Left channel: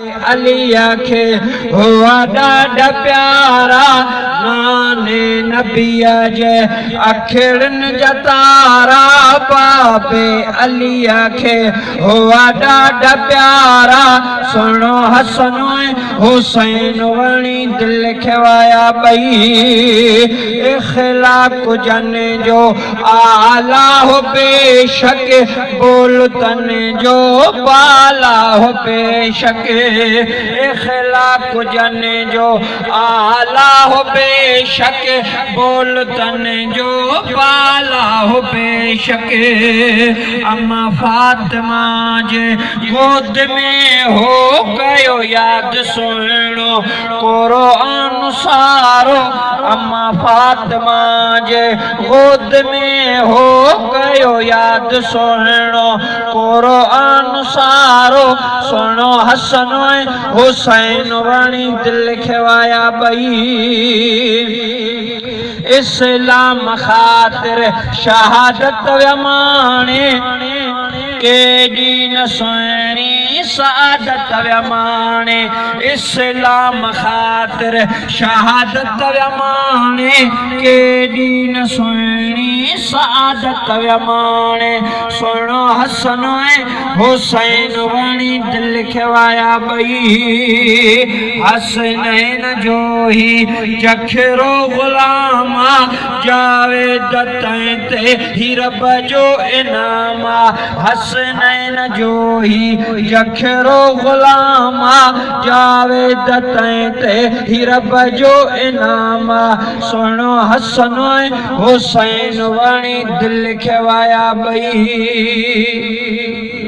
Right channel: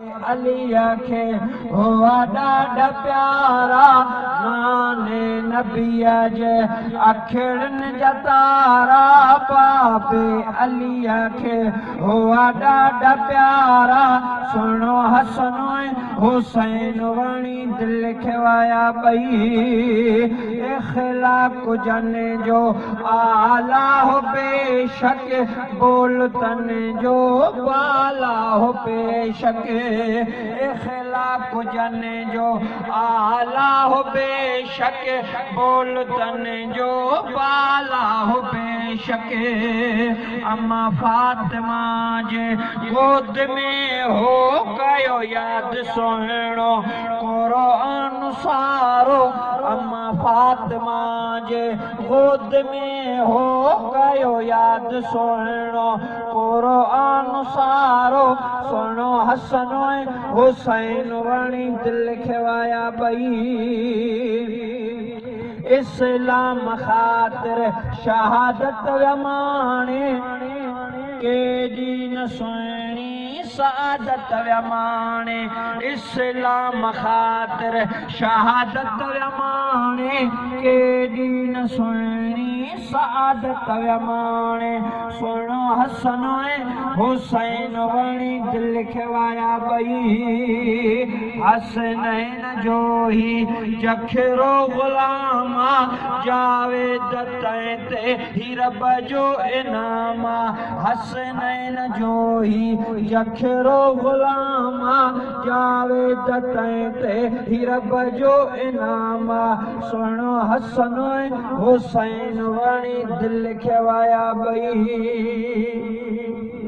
अली आखे हुआ ॾाढा प्यारा नाने नबिया जे अखिड़न जतारा बाबे अली आखे हुआ ॾाढा प्यारा सुनो हसन हुसैन वणी दिल खवाया बई इखलाक जने जो आला हो बेशक बोल तन जो बाला हो बेशक इखलाक जने जो आला हो बेशक बोल तन जो बाला हो बेशक अम्मा फातिमा जे गोद में हो गयो याद सुनो कुरान सारो अम्मा फातिमा जे गोद में हो गयो याद सुनो कुरान सारो सुनो हसन हुसैन वणी दिल खवाया बई इस्लाम खातिर शहादत व्यमाने केडी न सुहिणी सादत व्यमाने इस्लाम खातिर शहादत व्यमाने केडी न सुहिणी सादत व्यमाने सुनो हसन हुसैन वणी दिल खवाया बई हसनैन जो ही जखरो गुलामा जावेद ते हिरब जो इनामा हसनैन जो ही जखरो गुलामा जावेद ते हिरब जो इनामा सुनो हसन हुसैन वणी दिल खवाया बई।